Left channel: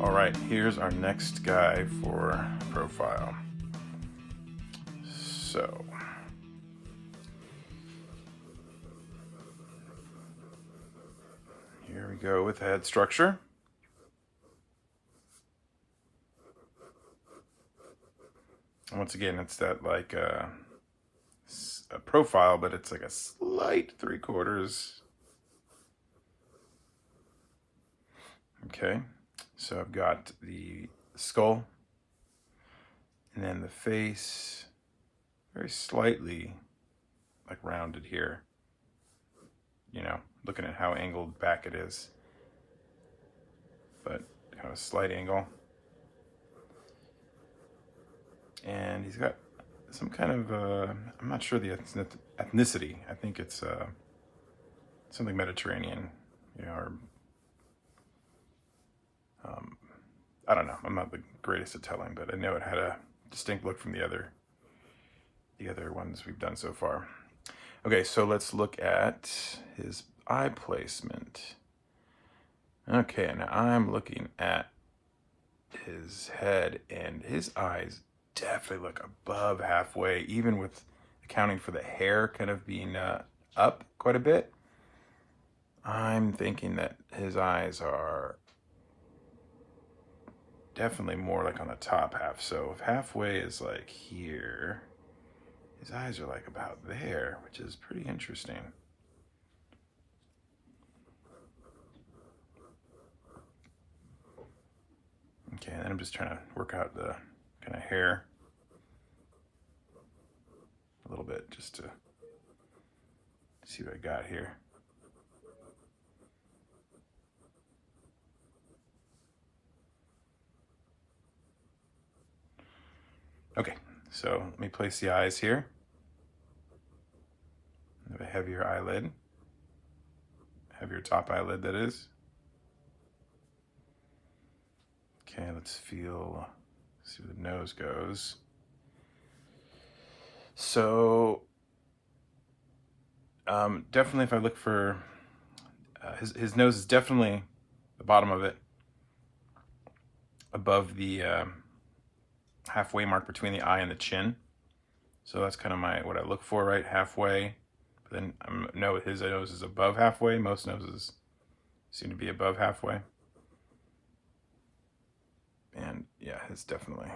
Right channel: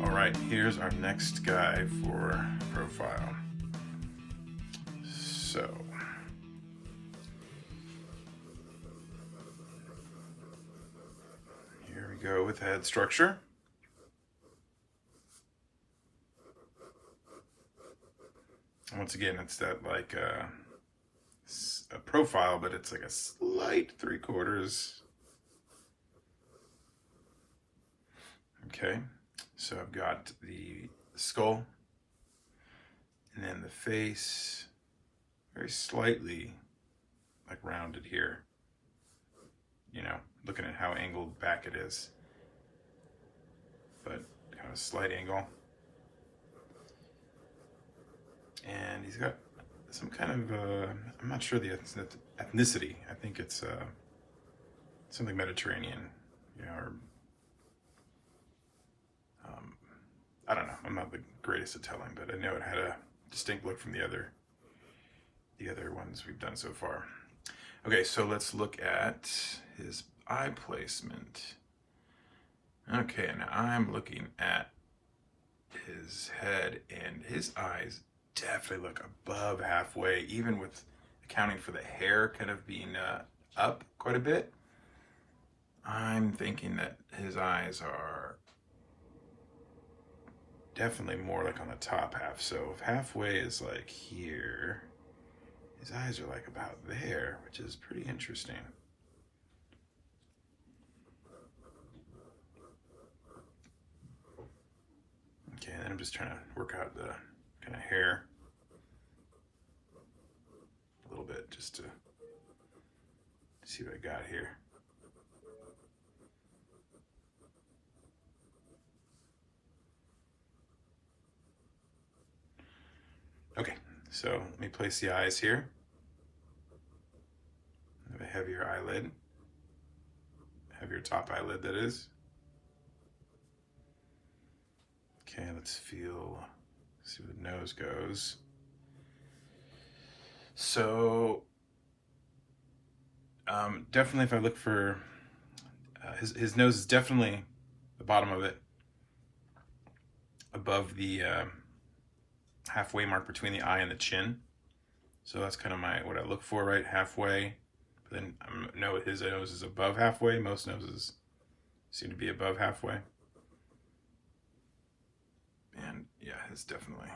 All right, here's our next guy for profile. So, here we go with head structure. Once again, it's that like a profile, but it's like a slight 3/4. Okay, so I've got the skull, and then the face, very slightly like rounded here. You know, looking at how angled back it is, but kind of a slight angle. And he's got some kind of, I'm not sure the ethnicity. I think it's something Mediterranean, you know, or I don't know. I'm not the greatest at telling, but I know it had a distinct look from the other ones we've done so far. Okay, so let's look at his eye placement. Okay, now I'm looking at his head, and his eyes definitely look above halfway, even with accounting for the hair kind of being up quite a bit. I'm thinking that his eyes are definitely more like on the top half. So if halfway is like here, his eyes are like about there, which is pretty interesting. Okay, and then I'm just trying to work out the kind of hair a little bit just to see what I got here. Okay, so let me place the eyes here. I have a heavier eyelid, heavier top eyelid that is. Okay, let's feel, see where the nose goes. So, definitely if I look for, his nose is definitely the bottom of it, above the halfway mark between the eye and the chin. So that's kind of what I look for, right? Halfway. But then I know his nose is above halfway. Most noses seem to be above halfway. And yeah, it's definitely,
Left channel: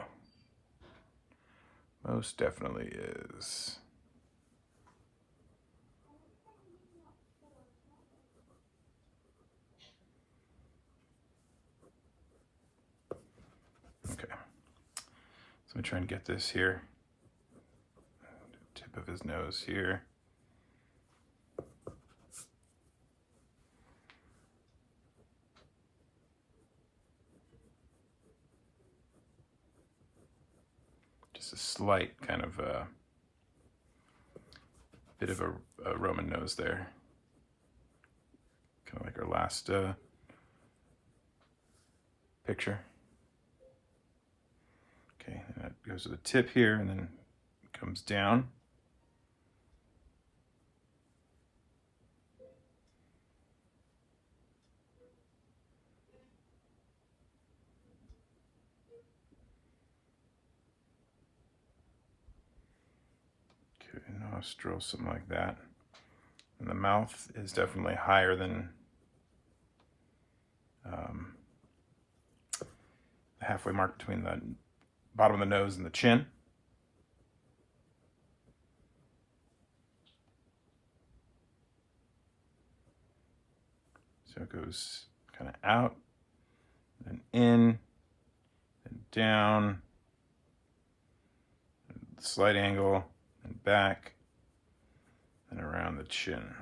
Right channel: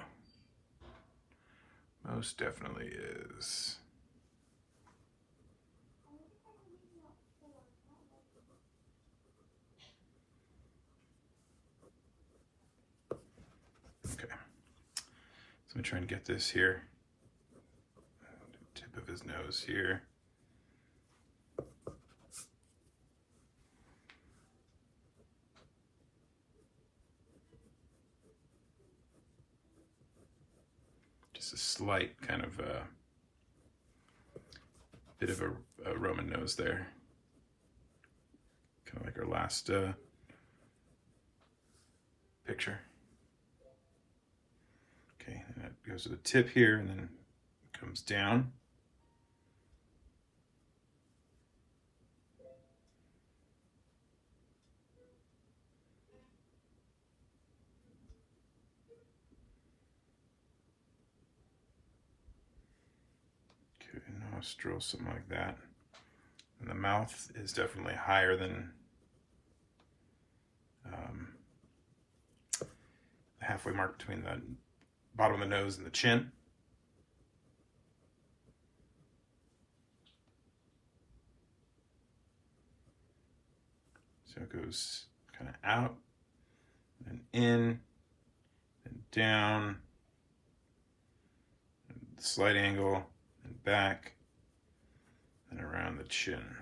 most definitely is. Okay, so let me try and get this here. Tip of his nose here. Just a slight kind of bit of a Roman nose there. Kind of like our last picture. Okay, and that goes to the tip here and then comes down. Okay, nostril, something like that. And the mouth is definitely higher than the halfway mark between the bottom of the nose and the chin. So it goes kind of out, and in, and down, and slight angle, and back, and around the chin.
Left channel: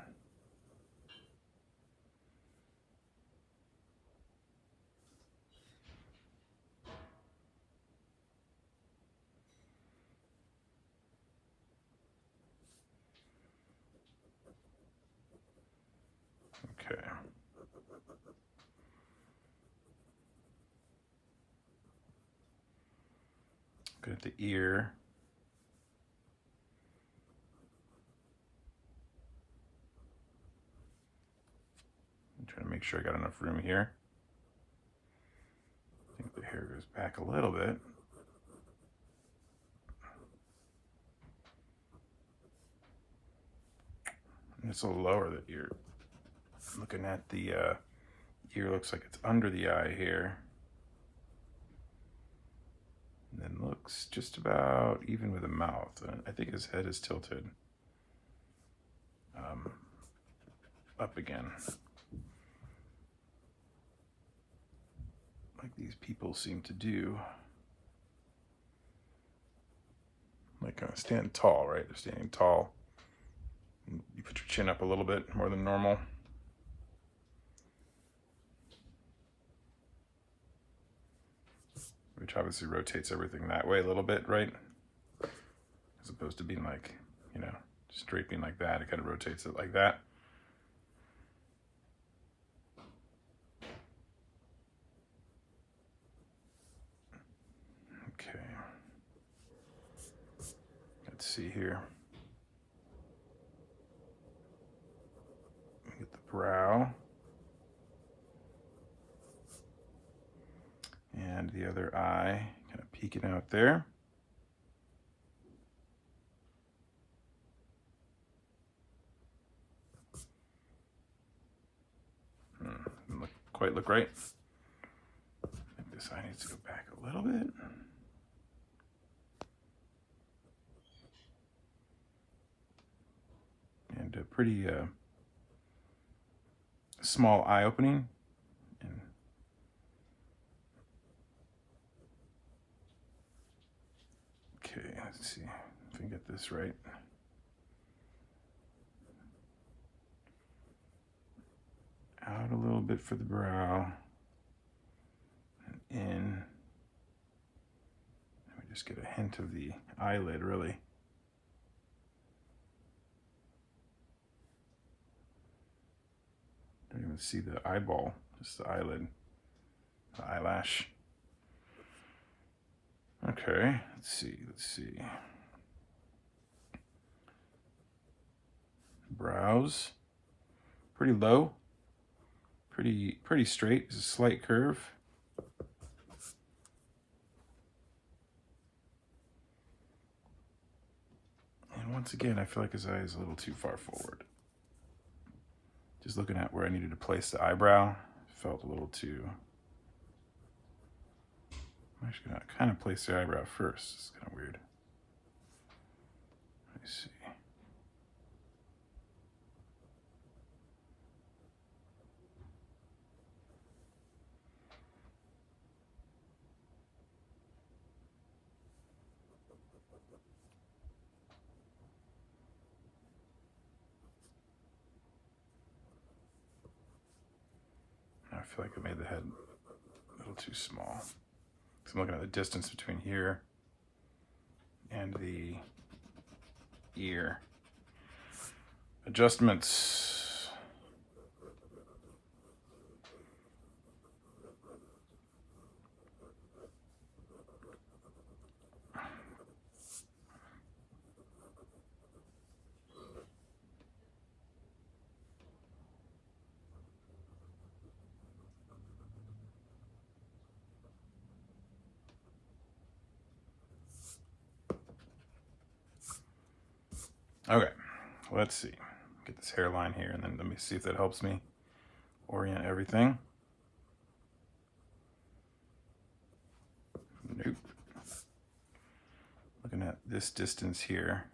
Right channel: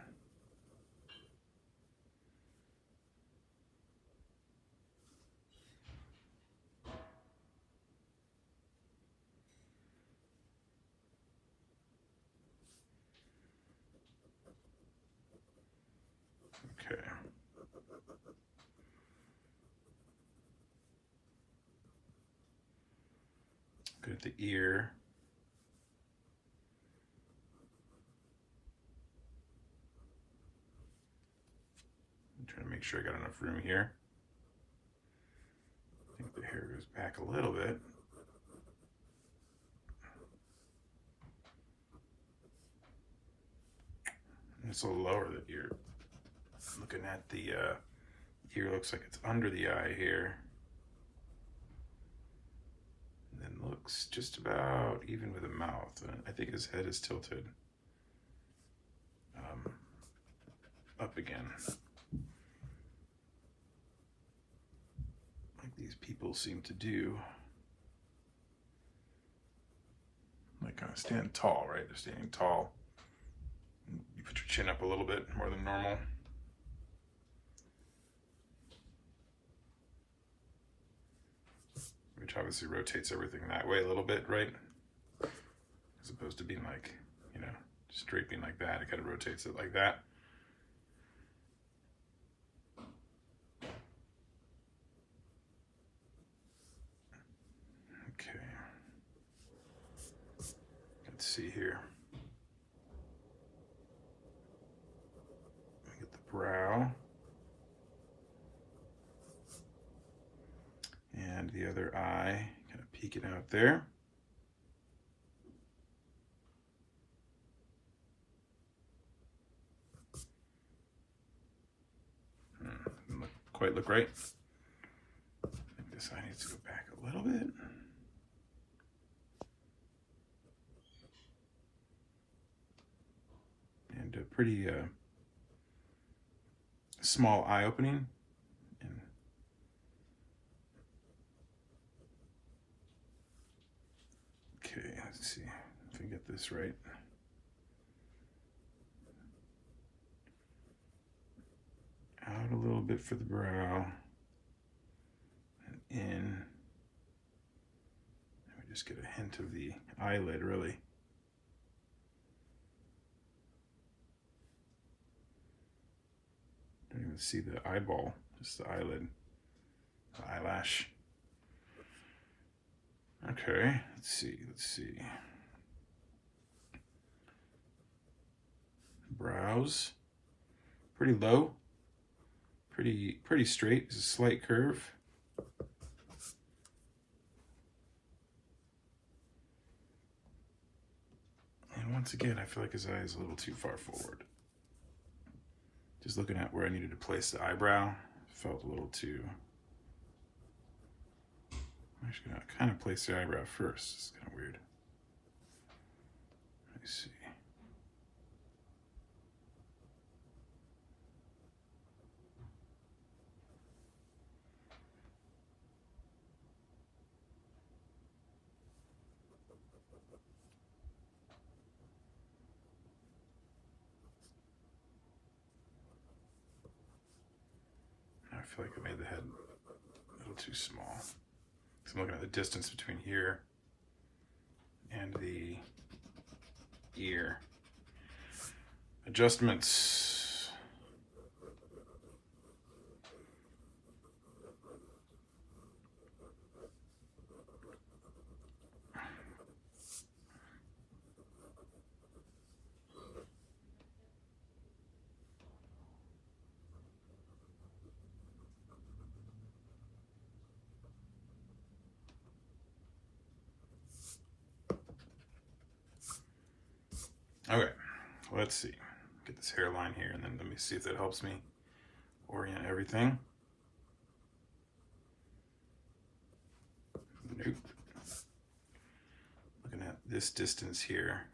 Okay. Good at the ear. I'm trying to make sure I got enough room here. I think the hair goes back a little bit. And it's a little lower that you're looking at. The ear looks like it's under the eye here. And then looks just about even with the mouth. And I think his head is tilted up again. Like these people seem to do. Like stand tall, right? They're standing tall. You put your chin up a little bit more than normal. Which obviously rotates everything that way a little bit, right? As opposed to being like, you know, straight being like that. It kind of rotates it like that. Okay. Let's see here. Get the brow. And the other eye kind of peeking out there. Doesn't quite look right. I think this eye needs to go back a little bit. And a pretty small eye opening. And okay, let's see if we get this right. Out a little bit for the brow, and in. And we just get a hint of the eyelid, really. Don't even see the eyeball, just the eyelid, the eyelash. Okay, let's see. Brows, pretty low. Pretty straight. There's a slight curve. And once again, I feel like his eye is a little too far forward. Just looking at where I needed to place the eyebrow, felt a little too. I'm actually gonna kind of place the eyebrow first. It's kind of weird. Let me see. I feel like I made the head a little too small. So I'm looking at the distance between here and the ear. Adjustments. Okay, let's see. Get this hairline here, and then let me see if that helps me orient everything. Nope. Looking at this distance here.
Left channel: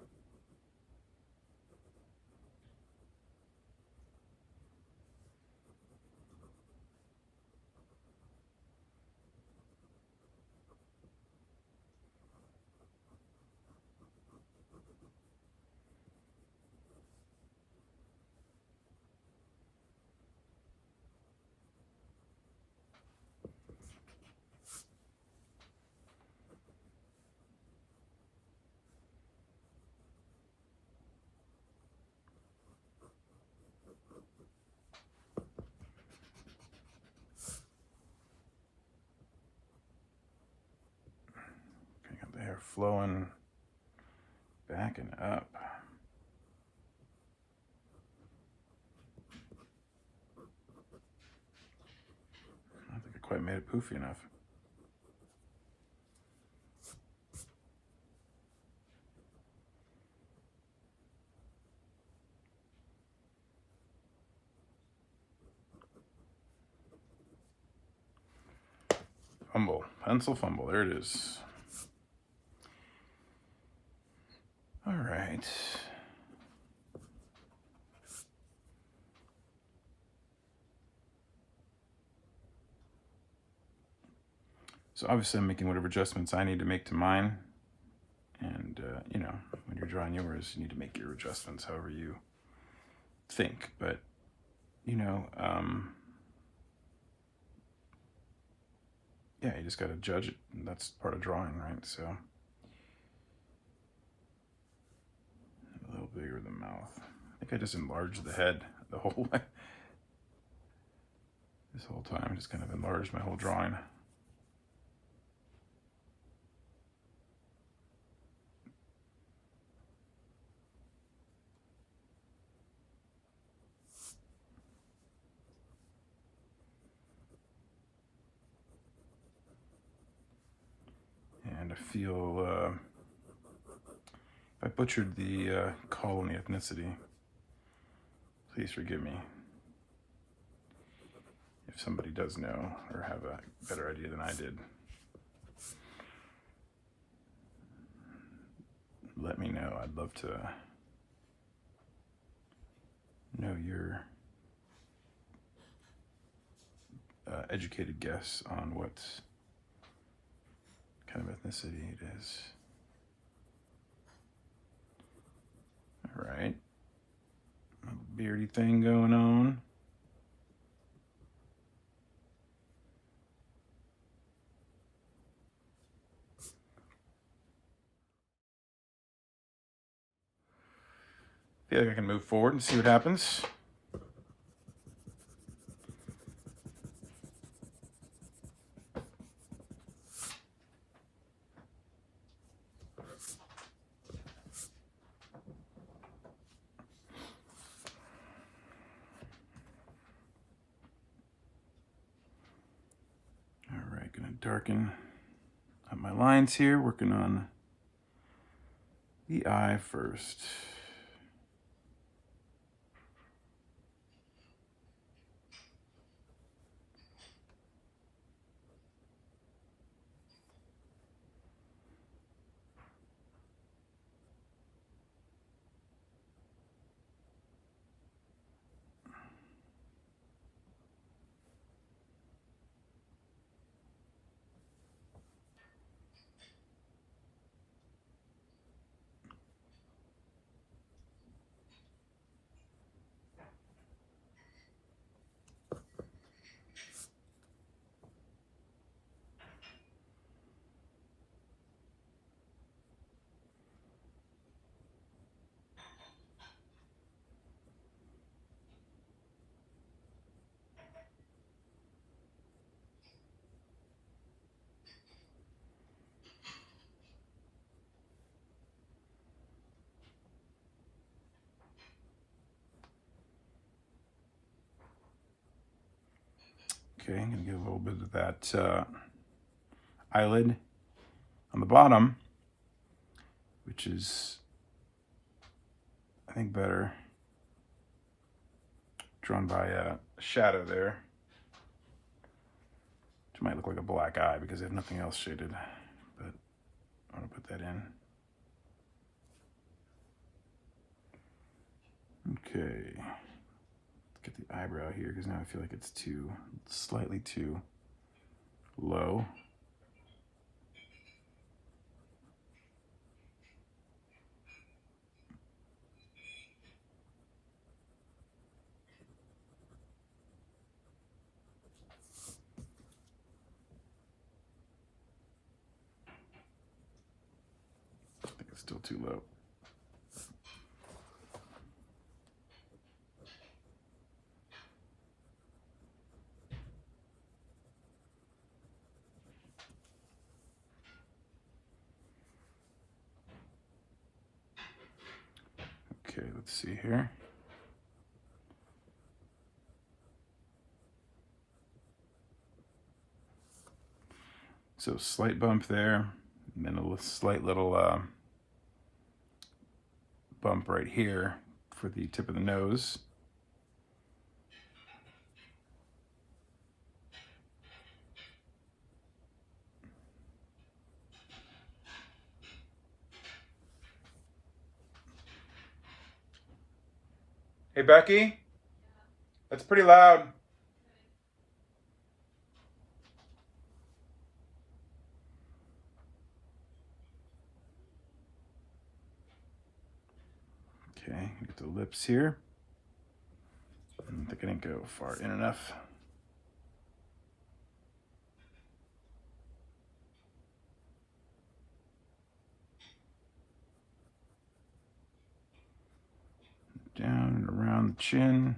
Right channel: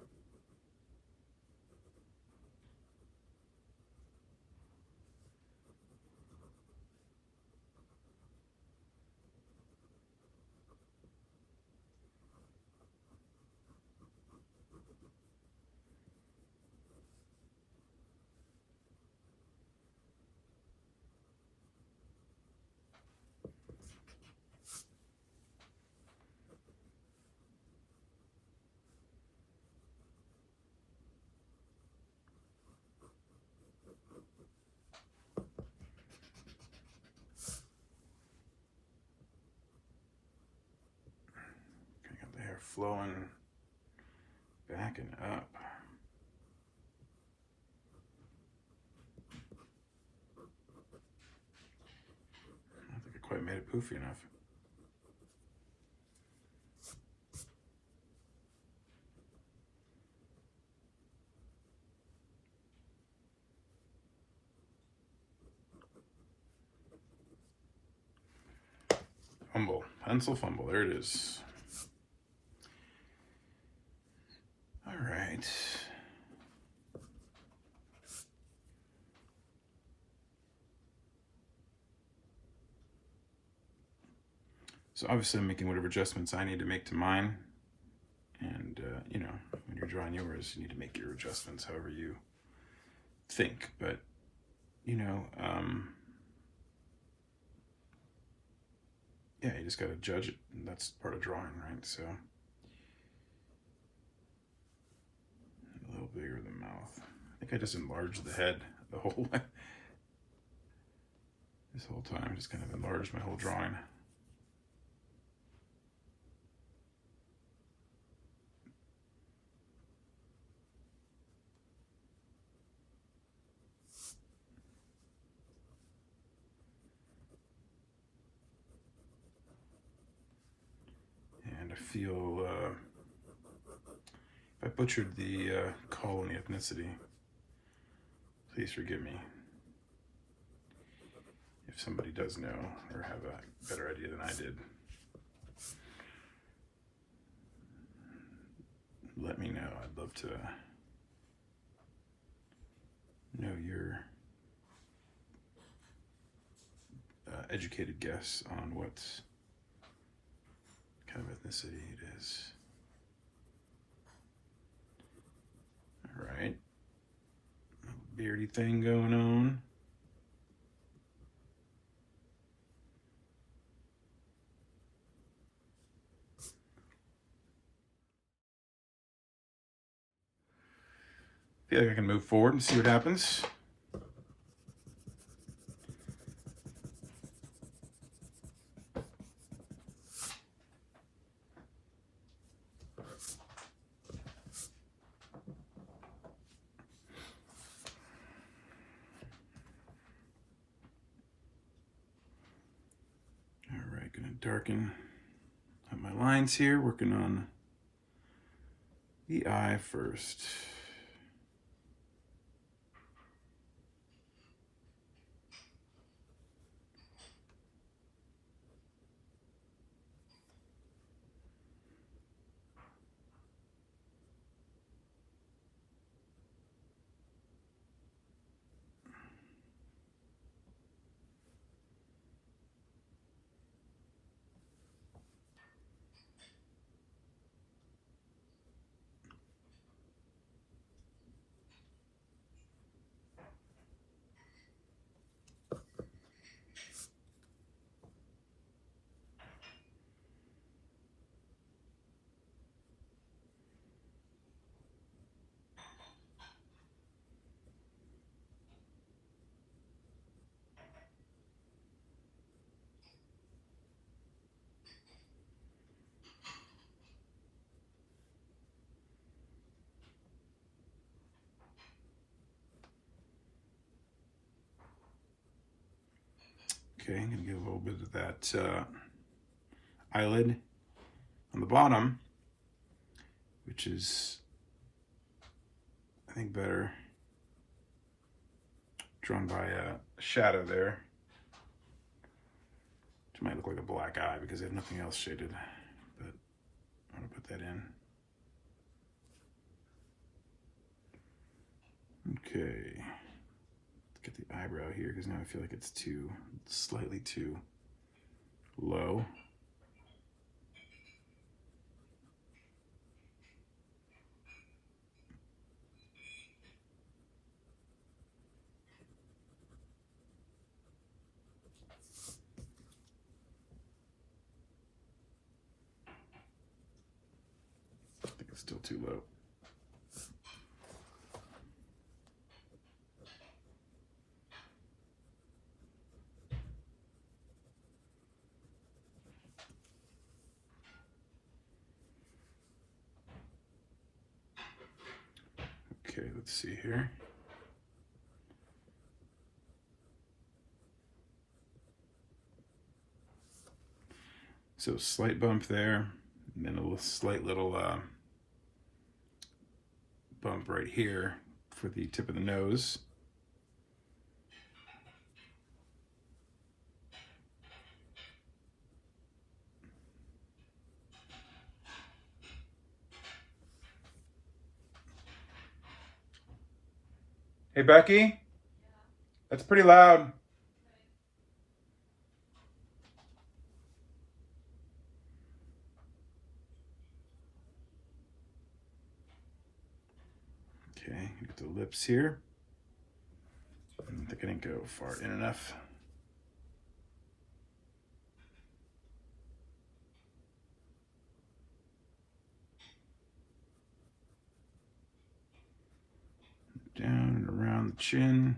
Got the hair flowing back and up. poofy enough. Fumble, pencil fumble, there it is. All right. So obviously I'm making whatever adjustments I need to make to mine. And, you know, when you're drawing yours, you need to make your adjustments however you think. But, you know, yeah, you just got to judge it. And that's part of drawing, right? So a little bigger the mouth. I think I just enlarged the head the whole way. This whole time, I just kind of enlarged my whole drawing. And I feel if I butchered the call and the ethnicity, please forgive me. If somebody does know or have a better idea than I did, let me know. I'd love to know your educated guess on what kind of ethnicity it is. All right, a beardy thing going on. I feel like I can move forward and see what happens. All right, gonna darken up my lines here, working on the eye first. Okay, I'm gonna give a little bit of that eyelid on the bottom, which is, I think, better drawn by a shadow there, which might look like a black eye because I have nothing else shaded, but I want to put that in. Okay, let's get the eyebrow here because now I feel like it's slightly too low. I think it's still too low. Okay, let's see here. So slight bump there, and then a slight little bump right here for the tip of the nose. Hey, Becky, that's pretty loud. Okay, get the lips here. I think I didn't go far in enough. Down and around the chin.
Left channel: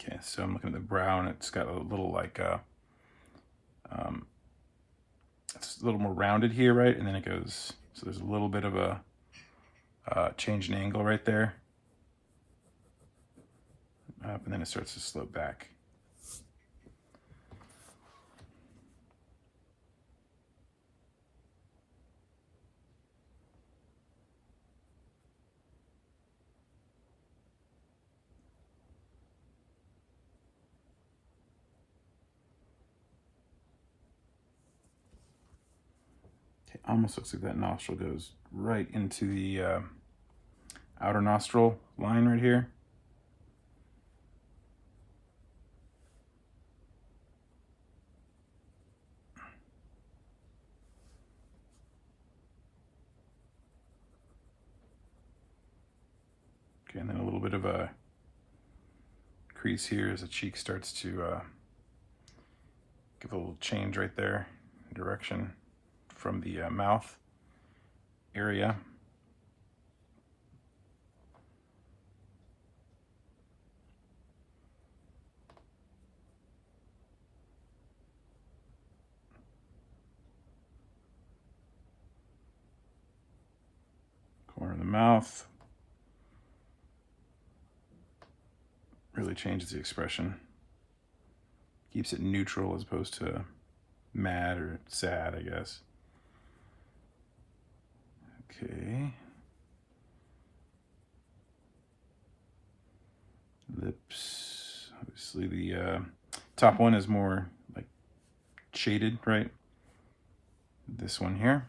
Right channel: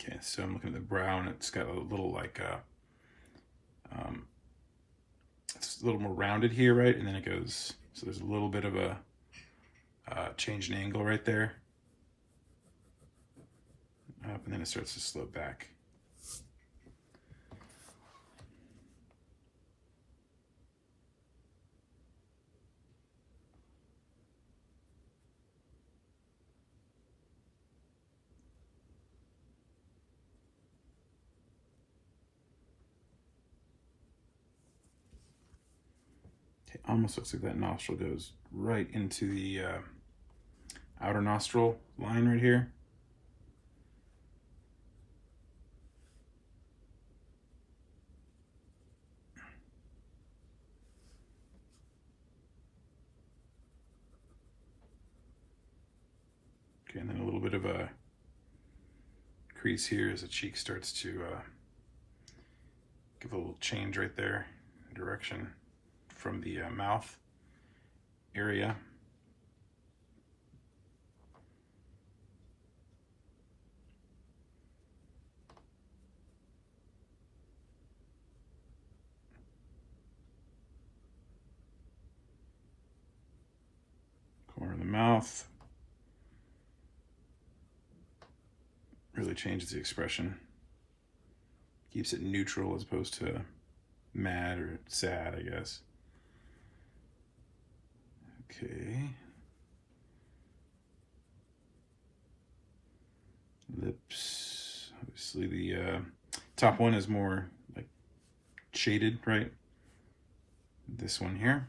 Okay, so I'm looking at the brow, and it's got a little like it's a little more rounded here, right? And then it goes, so there's a little bit of a change in angle right there. Up, and then it starts to slope back. Okay, almost looks like that nostril goes right into the outer nostril line right here. Okay, and then a little bit of a crease here as the cheek starts to give a little change right there, direction from the mouth area. Corner of the mouth. Really changes the expression. Keeps it neutral as opposed to mad or sad, I guess. Okay. Lips. Obviously the top one is more like shaded, right? This one here.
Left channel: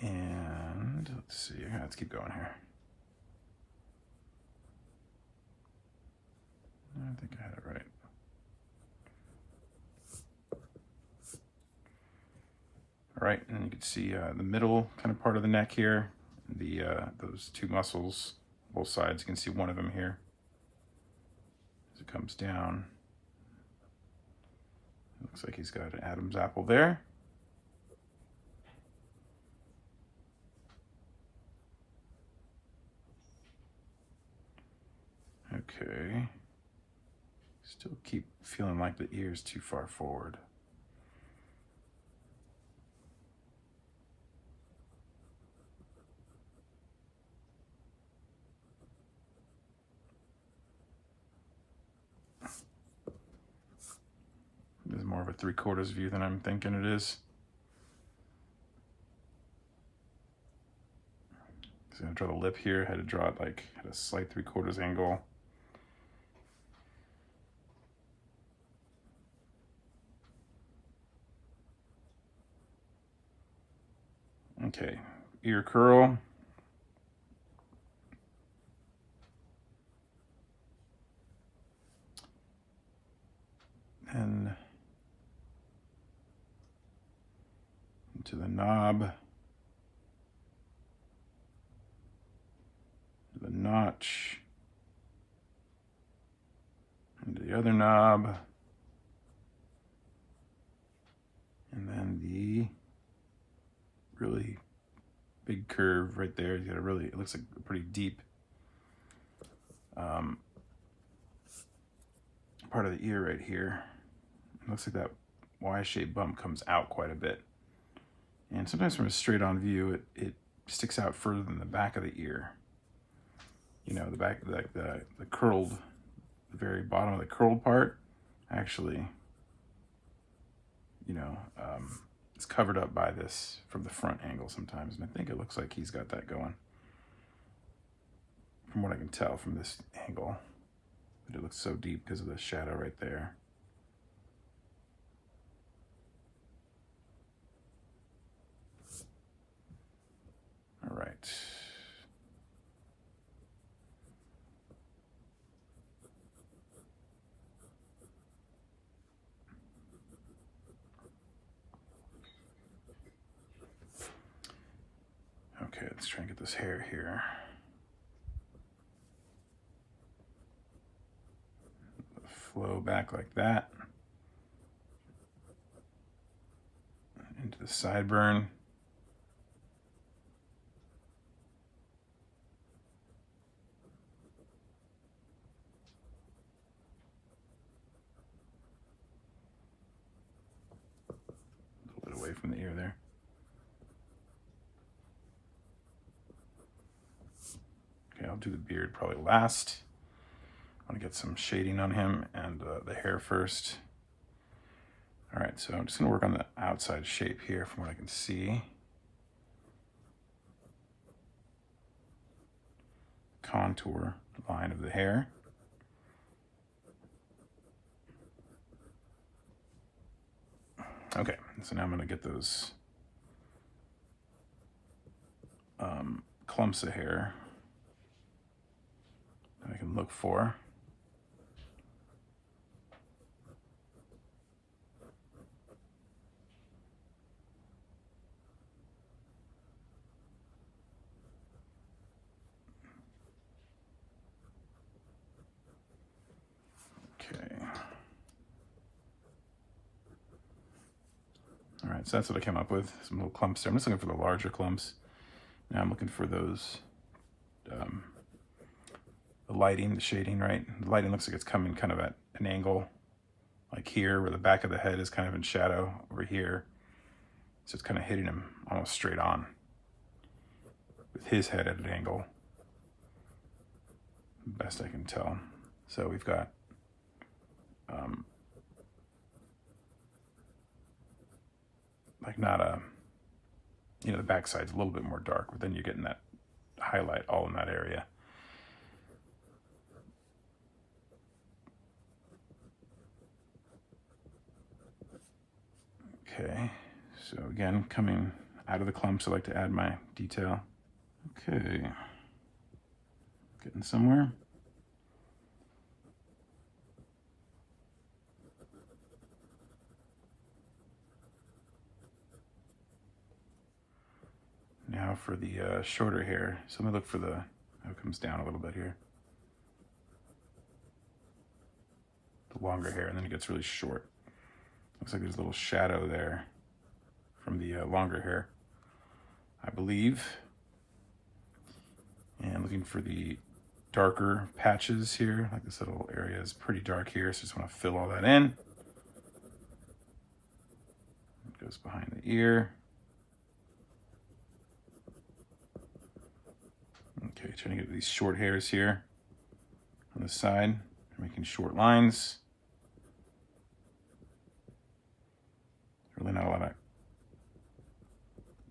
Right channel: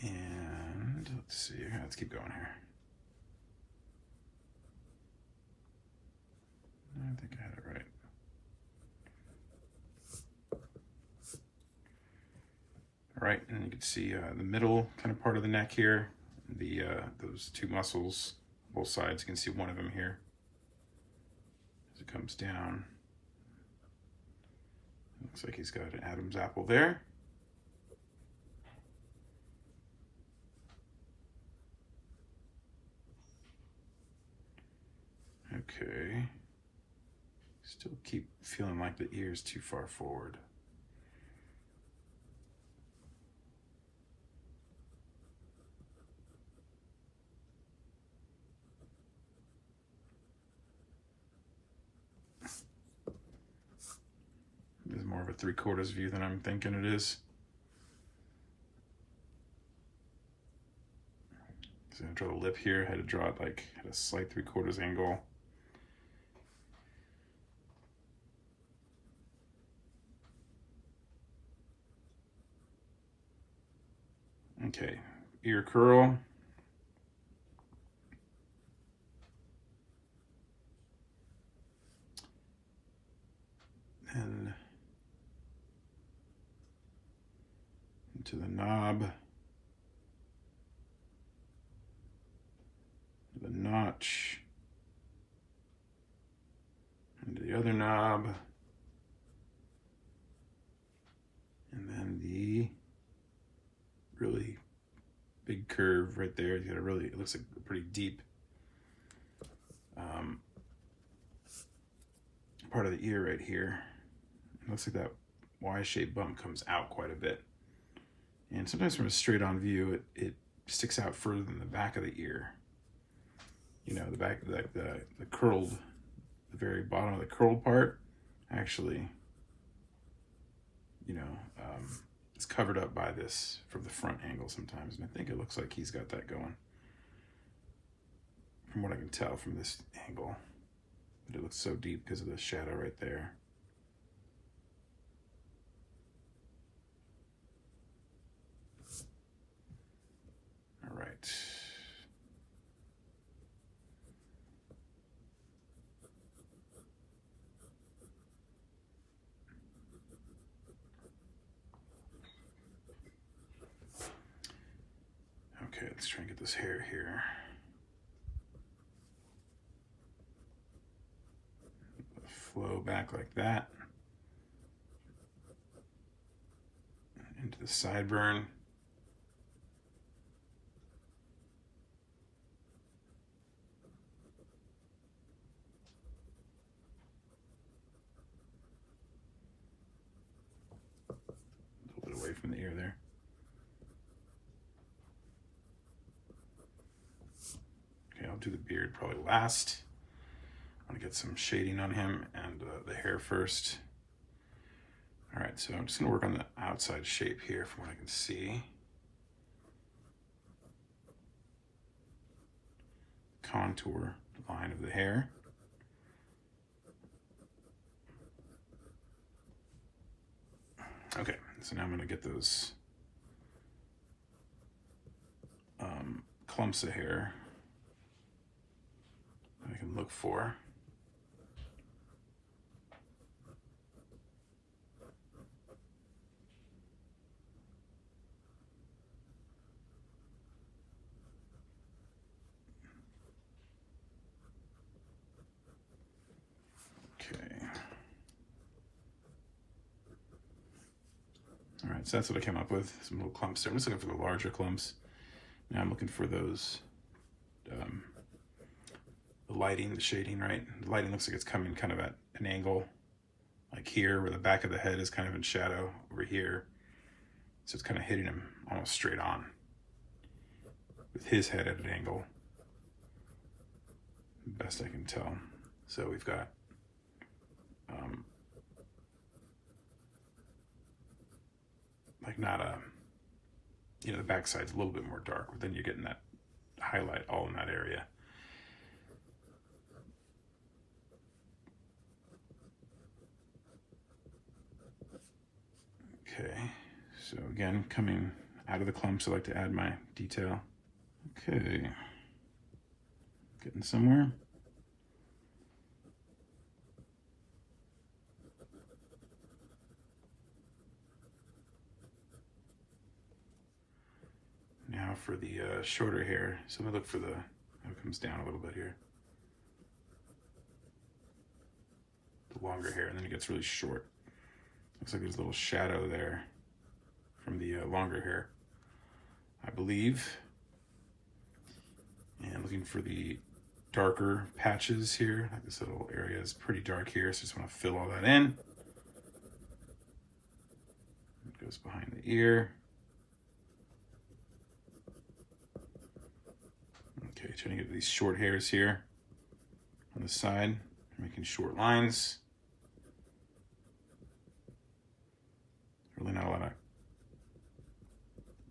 And let's see, let's keep going here. I think I had it right. All right, and you can see the middle kind of part of the neck here, the those two muscles, both sides. You can see one of them here as it comes down. Looks like he's got an Adam's apple there. Okay. Still keep feeling like the ear's too far forward. This is more of a 3/4 view than I'm thinking it is. So I'm gonna draw the lip here. I had to draw it like at a slight 3/4 angle. Okay, ear curl. And into the knob. The knot. touch. Into the other knob. And then the really big curve right there. You got a really, it looks like a pretty deep part of the ear right here. It looks like that Y-shaped bump comes out quite a bit. And sometimes from a straight on view, it sticks out further than the back of the ear. You know, the back, the curled, the very bottom of the curled part, actually, you know, it's covered up by this from the front angle sometimes. And I think it looks like he's got that going, from what I can tell from this angle. But it looks so deep because of the shadow right there. All right. Okay, let's try and get this hair here. Flow back like that. Into the sideburn. A little bit away from the ear there. Okay, I'll do the beard probably last. I want to get some shading on him and the hair first. All right, so I'm just going to work on the outside shape here from what I can see. Contour line of the hair. Okay, so now I'm going to get those clumps of hair I can look for. All right, so that's what I came up with, some little clumps there. I'm just looking for the larger clumps. Now I'm looking for those, the lighting, the shading, right? The lighting looks like it's coming kind of at an angle, like here, where the back of the head is kind of in shadow over here. So it's kind of hitting him almost straight on, with his head at an angle, best I can tell. So we've got like not a, you know, the backside's a little bit more dark, but then you're getting that highlight all in that area. Okay, so again, coming out of the clumps, I like to add my detail. Okay, getting somewhere. Now for the shorter hair. So I'm gonna look for the, how it comes down a little bit here. The longer hair, and then it gets really short. Looks like there's a little shadow there from the longer hair, I believe. And looking for the darker patches here. Like this little area is pretty dark here, so just wanna fill all that in. It goes behind the ear. Okay, trying to get these short hairs here on the side, making short lines. Really not a lot of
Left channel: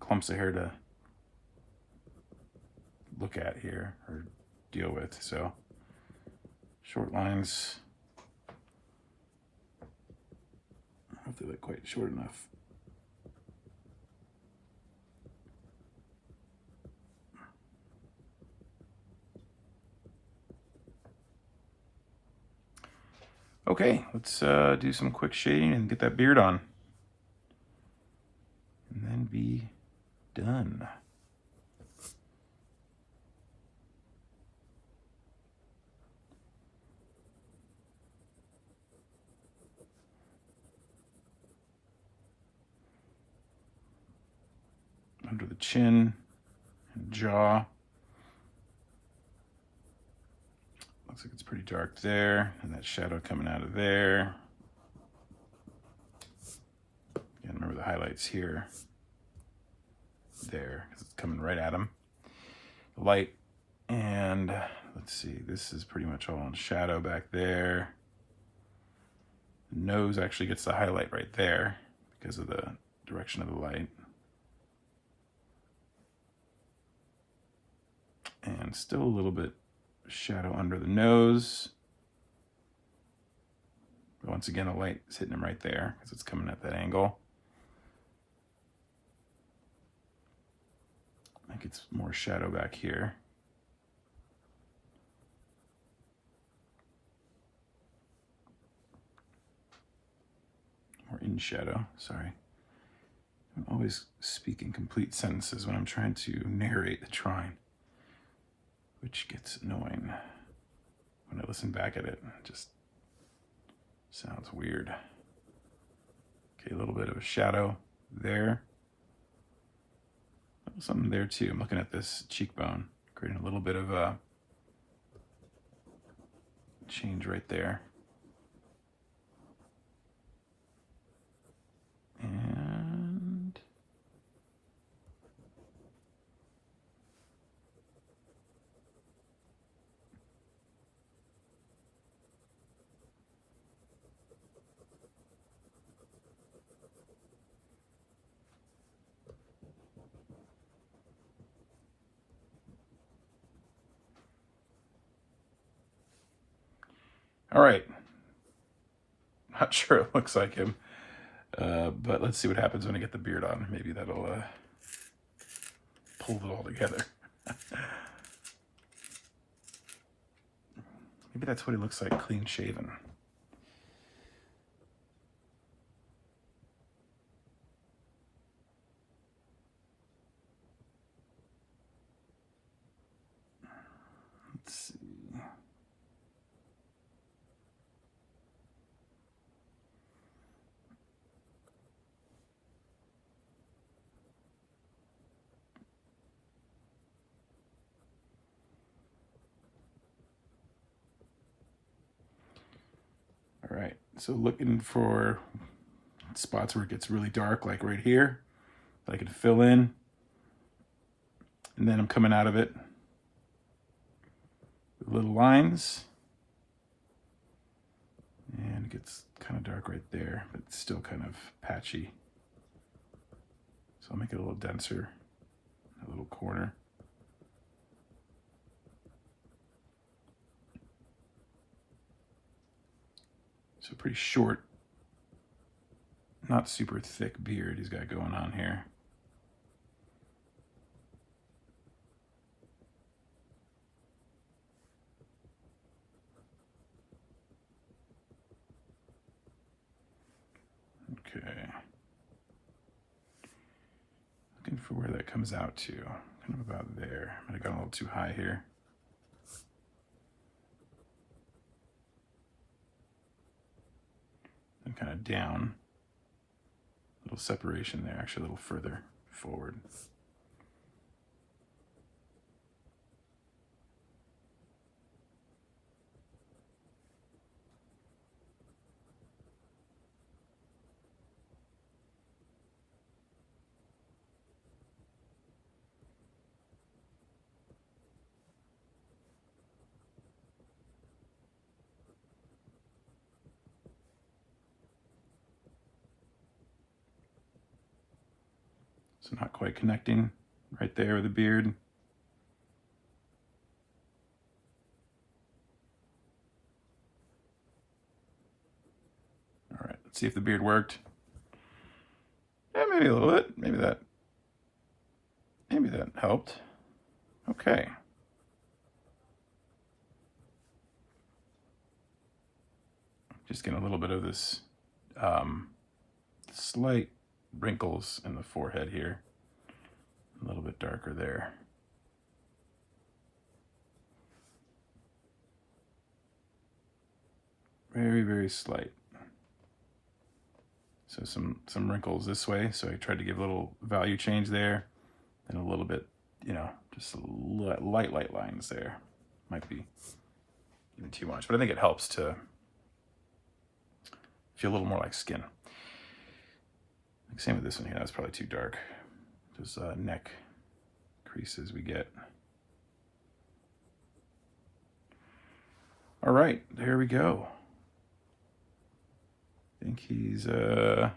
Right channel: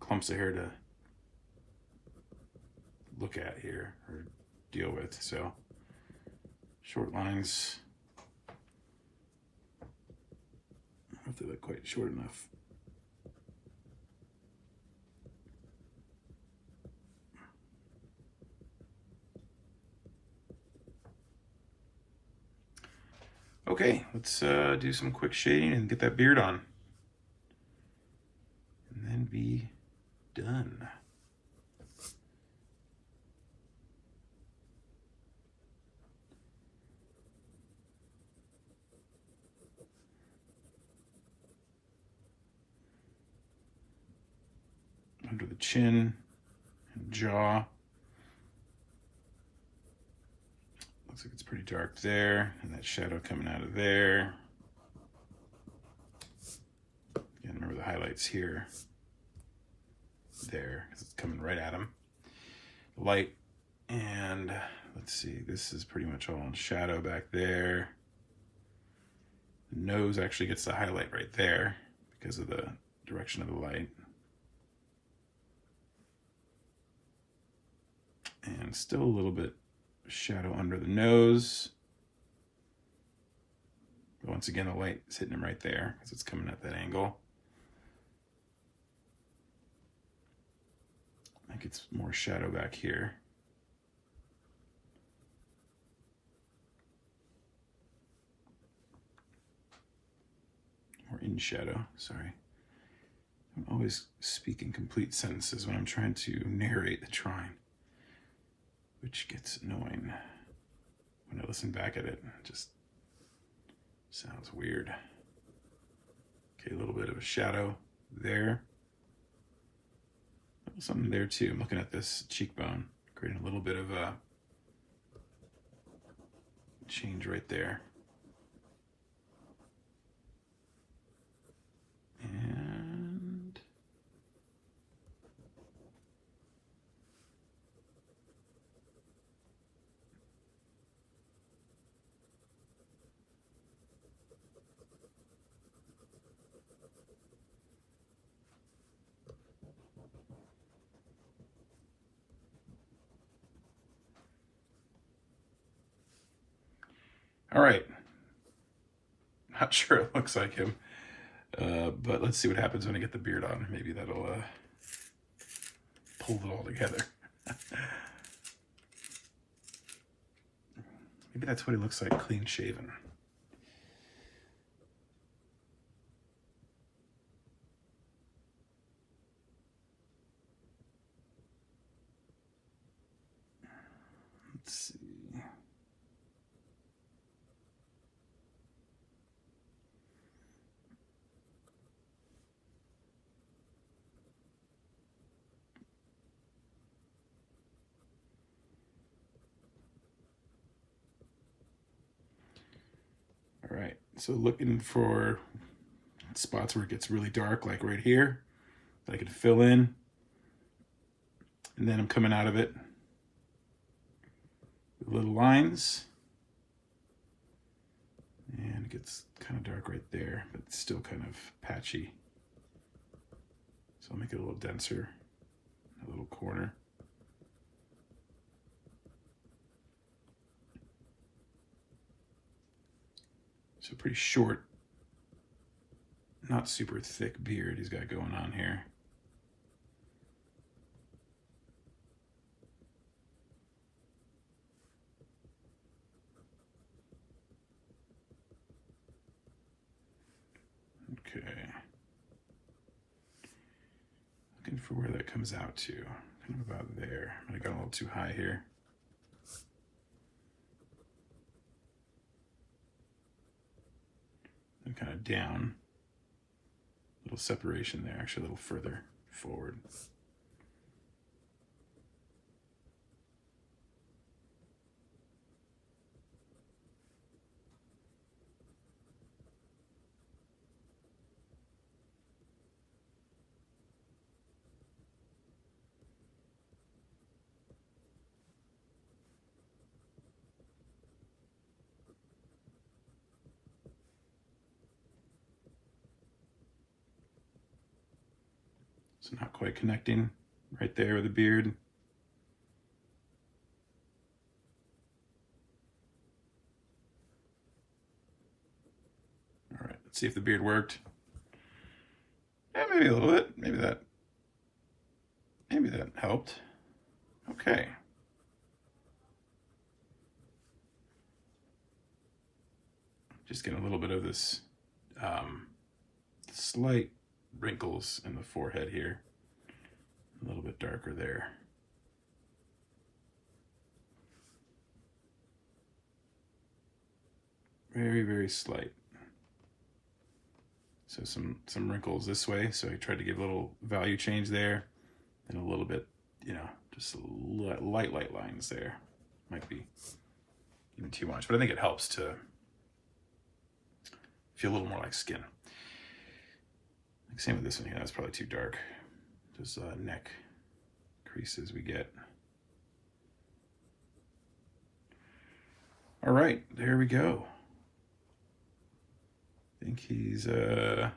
clumps of hair to look at here or deal with, so short lines. I don't know if they look quite short enough. Okay, let's do some quick shading and get that beard on. And then be done. the chin and jaw. Looks like it's pretty dark there, and that shadow coming out of there. Again, remember the highlights here, there, because it's coming right at him. Light, and let's see, this is pretty much all in shadow back there. The nose actually gets the highlight right there because of the direction of the light. And still a little bit of shadow under the nose. But once again, the light is hitting him right there because it's coming at that angle. I think it's more shadow back here. Or in shadow, sorry. I always speak in complete sentences when I'm trying to narrate the drawing, which gets annoying when I listen back at it. It just sounds weird. Okay, a little bit of a shadow there. Something there too. I'm looking at this cheekbone, creating a little bit of a change right there. And all right. Not sure it looks like him, but let's see what happens when I get the beard on. Maybe that'll pull it all together. Maybe that's what he looks like, clean shaven. Let's see. All right, so looking for spots where it gets really dark, like right here, that I can fill in. And then I'm coming out of it with little lines. And it gets kind of dark right there, but it's still kind of patchy. So I'll make it a little denser, a little corner. So pretty short, not super thick beard he's got going on here. Okay. Looking for where that comes out to. Kind of about there. I might have gone a little too high here. And kind of down. A little separation there, actually a little further forward. So not quite connecting right there with the beard. All right, let's see if the beard worked. Yeah, maybe a little bit. Maybe that helped. Okay. Just getting a little bit of this slight wrinkles in the forehead here. A little bit darker there. Very, very slight. So some wrinkles this way. So I tried to give a little value change there. And a little bit, you know, just light lines there. Might be even too much, but I think it helps to feel a little more like skin. Same with this one here, that's probably too dark. Just neck creases we get. All right, there we go. I think he's good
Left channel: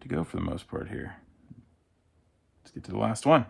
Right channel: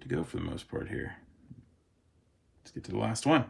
to go for the most part here. Let's get to the last one.